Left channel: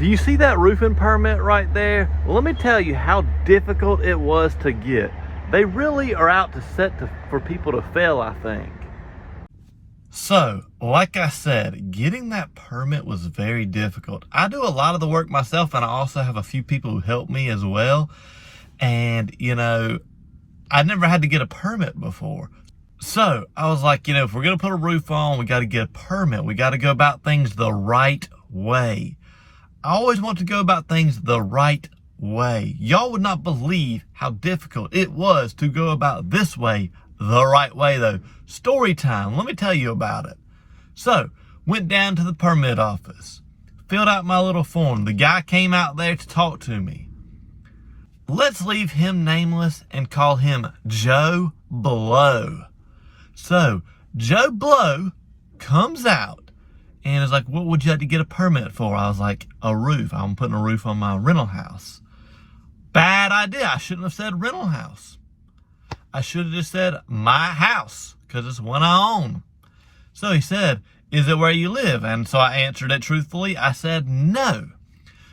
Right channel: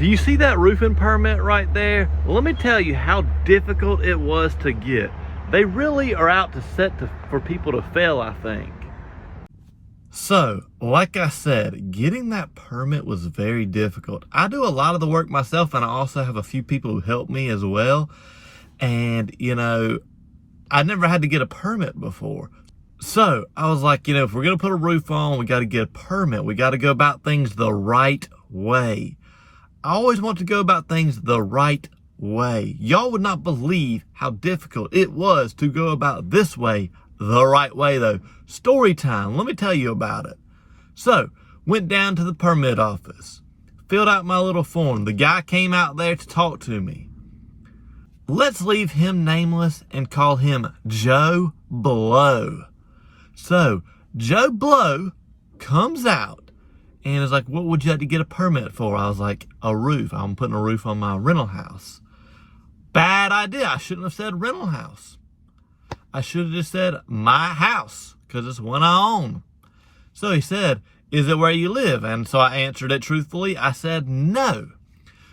Do you see that roofing permit right there? Well, let me tell you how difficult it was to get. They really are out to for people to fail, I think. So, like I said, getting that permit was very difficult. I do a lot of the work myself, and I also have a few people who help me as well. And, I never had to get a permit before. So, I was like, if we're going to put a roof on, we got to get a permit. We got to go about things the right way. I always want to go about things the right way. Y'all would not believe how difficult it was to go about this way, the right way though. Story time, let me tell you about it. So, went down to the permit office, filled out my little form. The guy came out there to talk to me. Let's leave him nameless and call him Joe Blow. So, Joe Blow comes out and is like, what would you like to get a permit for? I was like, a roof. I'm putting a roof on my rental house. Bad idea. I shouldn't have said rental house. I should have just said my house, because it's one I own. So he said, is it where you live? And so I answered it truthfully. I said, no.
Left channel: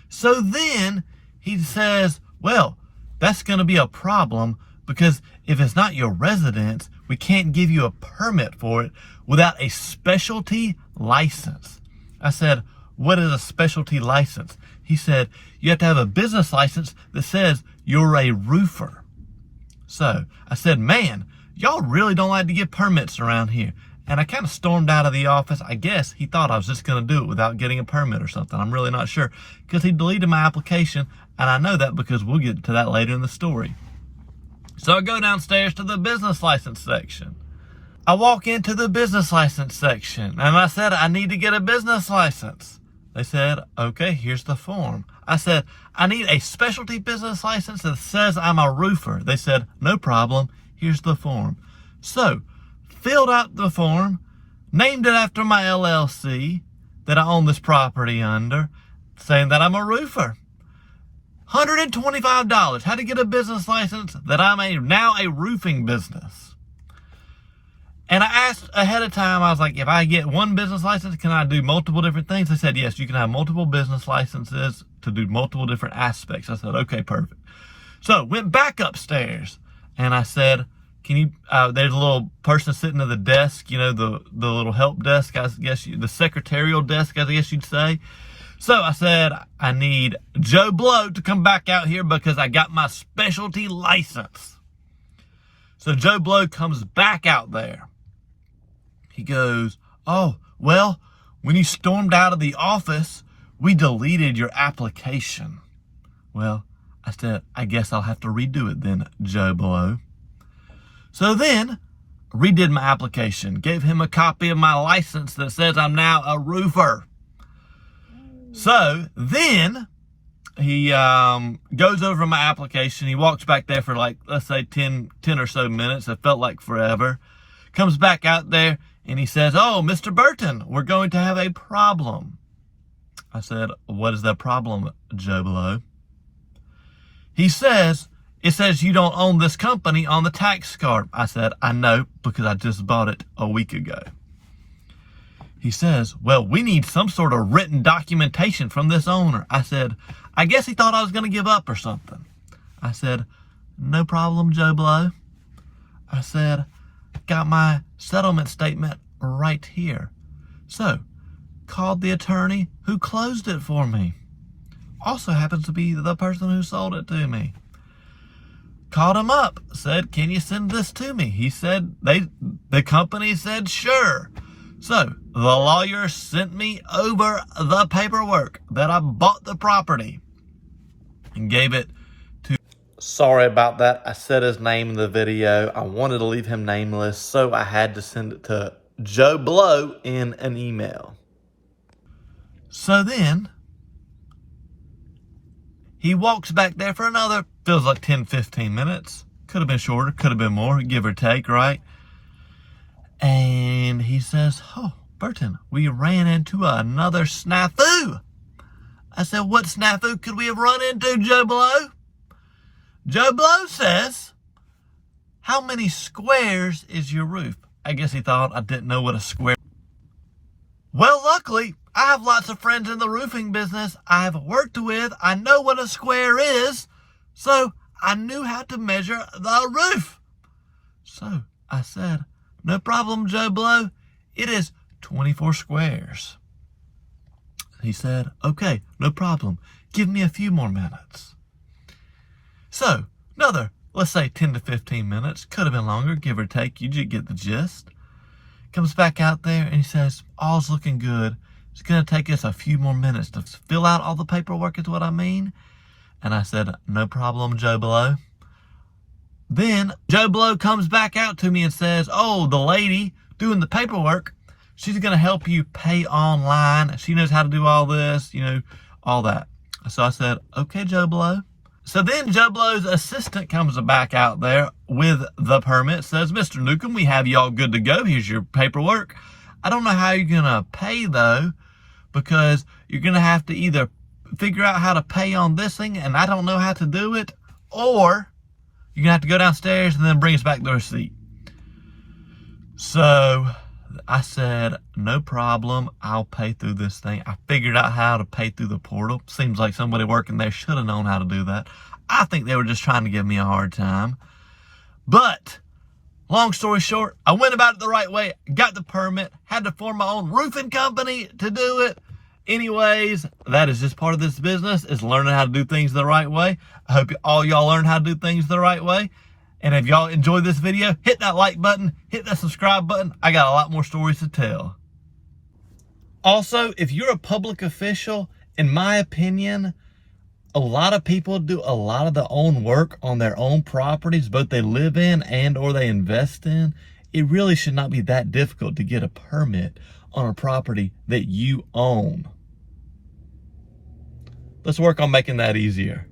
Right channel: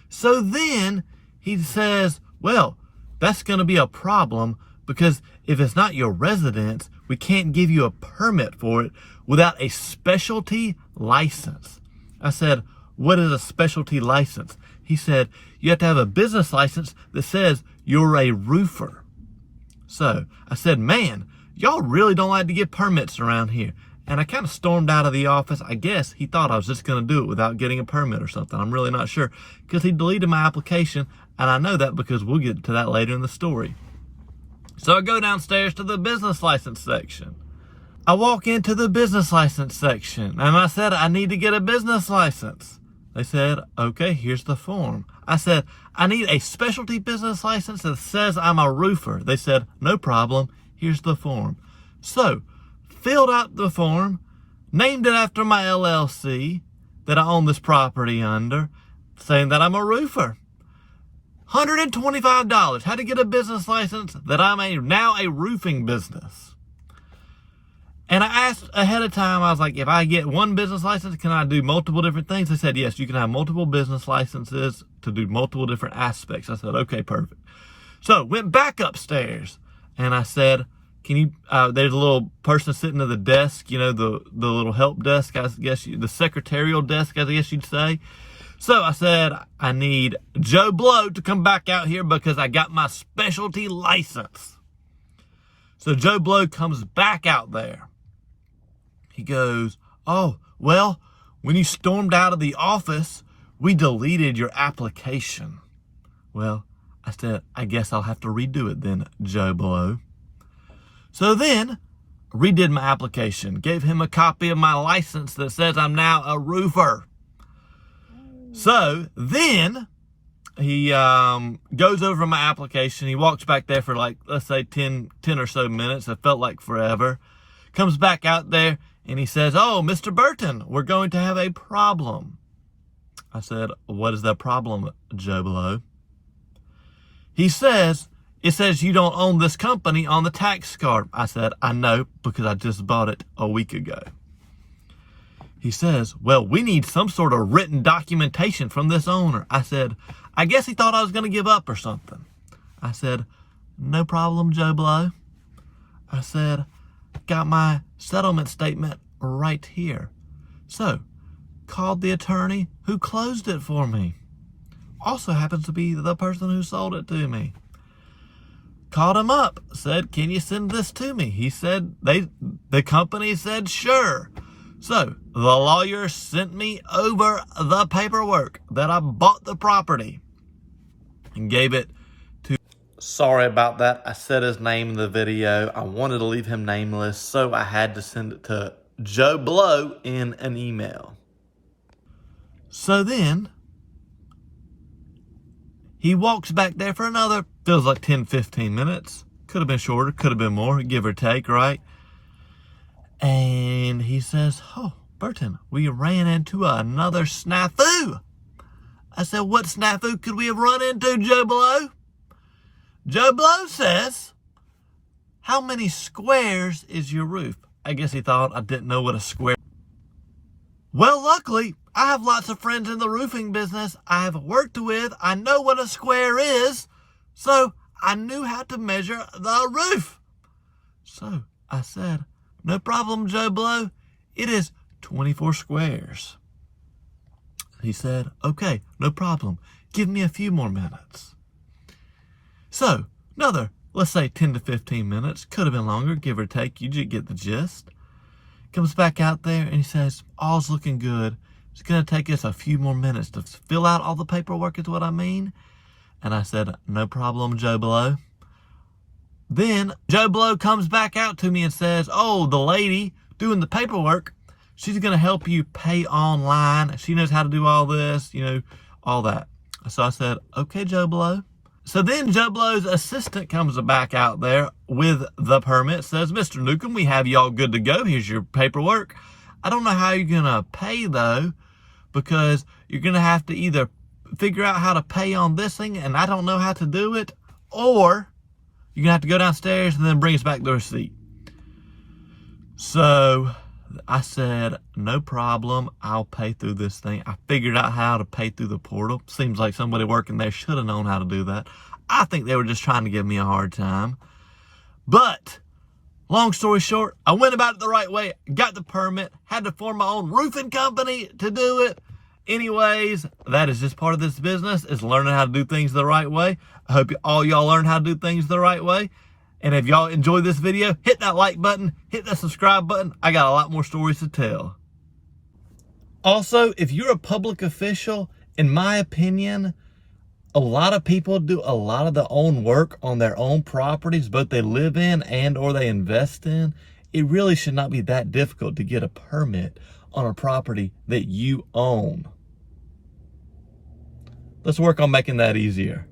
So then he says, well, that's going to be a problem, because if it's not your residence, we can't give you a permit for it without a specialty license. I said, what is a specialty license? He said, you have to have a business license that says you're a roofer. So I said, man, y'all really don't like to get permits around here. And I kind of stormed out of the office. I guess he thought I was just going to do it without getting a permit or something. I'm really not sure, because he deleted my application. And I know that because we'll get to that later in the story. So I go downstairs to the business license section. I walk into the business license section and I said, I need to get a business license. They said, okay, here's the form. I said, I need a specialty business license that says I'm a roofer. They said, no problem, here's the form. So, filled out the form, named it after my LLC that I own this property under, saying that I'm a roofer. $125, how to get a business license that I'm now a roofing business. And I asked ahead of time, I was like, if I get one business license, can I do multiple different things? They said, yes, you can have multiple business licenses to do multiple different aspects. I said, okay, perfect. So went back upstairs and I said, can you, there's a little person sitting at the desk, the little help desk, I guess, the secretarial desk, I guess you'd say. So I said, I need Joe Blow to come back out here because I got my specialty license. So Joe Blow comes back out there. He goes, oh, well, when you stormed out of the office, we deleted your application. Well, I said, I guess I'll have to redo it then, Joe Blow. So then, redid my application, gave him a copy of my license that says I'm now a roofer. So then, he goes over my application. He walks back there for like, let's say 10 or so minutes. It felt like forever. Comes back out there. And he says, oh, Mr. Burton, we're going to have a problem. I said, what is the problem, Joe Blow? He says, it says you don't own this company on the tax card. I said, I know, because I just bought it a week ago. He says, well, we need some sort of written documentation from this owner. I said, I guess he thought I was going to give up or something. I said, no problem, Joe Blow. I said, got my settlement statement right here. So, called the attorney who closed it for me. Also happens to be the person who sold it to me. Called him up, said, can you send this to me? He said, the company said, sure. So, the lawyer sent me over the paperwork that I bought the property and gave it to... Sorry about that. I said his name in the video. I wanted to leave him nameless, so I had to send it to Joe Blow in an email. So then, he walks back there for another, feels like 10-15 minutes. Could have been shorter, could have been more, give or take, right? And he says, oh, Burton, we ran into another snafu. I said, what snafu could we have run into, Joe Blow? Joe Blow says, how many squares is your roof? I guess he thought I didn't know what a square Well, luckily, I have lots of friends in the roofing business I have worked with. I know what a square is, so I knew how to measure the roof. So I said, no problem, Joe Blow. It is 24 squares. He said, okay, no problem. Give me a few more minutes. So another, let's say 10 to 15 minutes. Could have been longer, give or take. You just get the gist. Comes back out there and he says, all's looking good. It's going to take us a few more minutes to fill out all the paperwork is what I mean. And I said, no problem, Joe Blow. Then Joe Blow comes back out to me and says, oh, the lady doing the paperwork, she's going to help you pay online. She knows how to do all this, all that. So I said, okay, Joe Blow. So then Joe Blow's assistant comes back out there with the permit, says, Mr. Newcomb, we have you all good to go. Here's your paperwork. I don't know how you're going to pay, though, because you're going to have to either figure out how to pay on this thing, and I don't know how to do it, or you're going to have to go downstairs and then bring us back the receipt. So I said, no problem. I'll pay through this thing. I figured out how to pay through the portal. Seems like somebody working there should have known how to do that. I think they were just trying to give me a hard time. But long story short, I went about it the right way, got the permit, had to form my own roofing company to do it. Anyways, that is just part of this business, is learning how to do things the right way. I hope all y'all learn how to do things the right way. And if y'all enjoyed this video, hit that like button, hit that subscribe button. I got a lot more stories to tell. Also, if you're a public official, in my opinion, a lot of people do a lot of their own work on their own properties, both they live in and or they invest in. It really should not be that difficult to get a permit on a property that you own. Let's work on making that easier.